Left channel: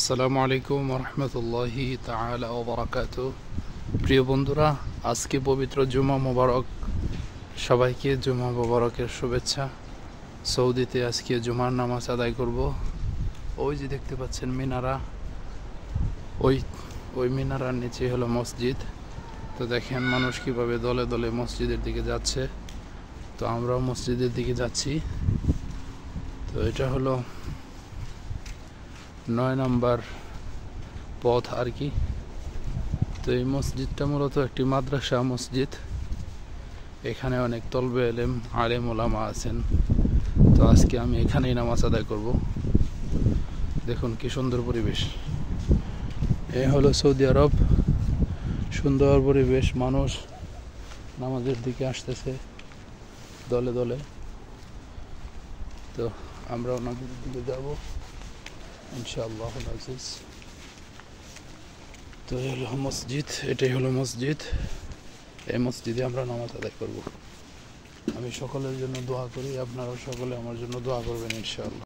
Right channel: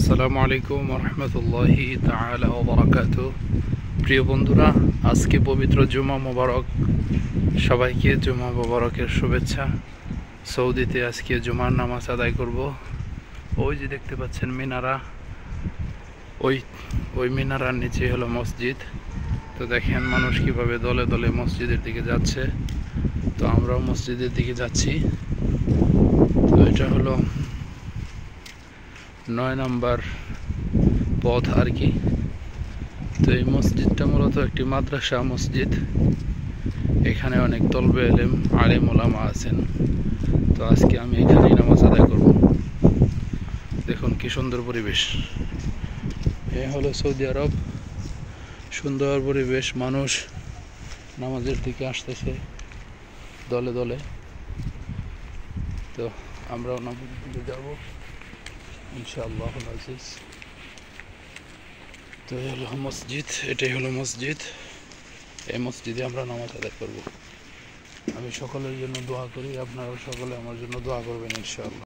আসসালামু আলাইকুম রহমতুল্লাহি তাআলা ওয়া বারাকাতুহু। প্রিয় বন্ধুরা, আজকে পবিত্র জুমা মোবারক। সবাইকে জুমা মোবারকের শুভেচ্ছা। সৌদিতে আজকে জুমার নামাজ আদায় করব। ওই যে দেখতে পাচ্ছেন মিনারা, ওই মিনারার নিচে হলো মসজিদ। তো দেখেন মানুষ কিভাবে দলে দলে মসজিদের দিকে যাচ্ছে। তো আমরাও মসজিদের দিকে যাচ্ছি। তো এটা হলো 9 নম্বর পথ আর কি। তো এই মসজিদটা মূলত একটি মাদ্রাসা মসজিদ। এখানে অনেক তলবে আলেম ওলামা আছেন। তো আজকে আমি এখানেই নামাজ আদায় করব। দেখুন কি সুন্দর পরিবেশ। এ হলো সৌদি আরব। সুন্দর পরিবেশ, মানুষ নামাজের দিকে আসতেছে দলে দলে। তো আমরাও নামাজের দিকে যাব ইনশাআল্লাহ আজিজ। তো এই হলো মসজিদ, এটাই হলো মসজিদ। এই মসজিদে আমরা নামাজ আদায় করব। আমি সকলের জন্য দোয়া করি, আপনারা সকলে আমার জন্য দোয়া করবেন ইনশাআল্লাহ।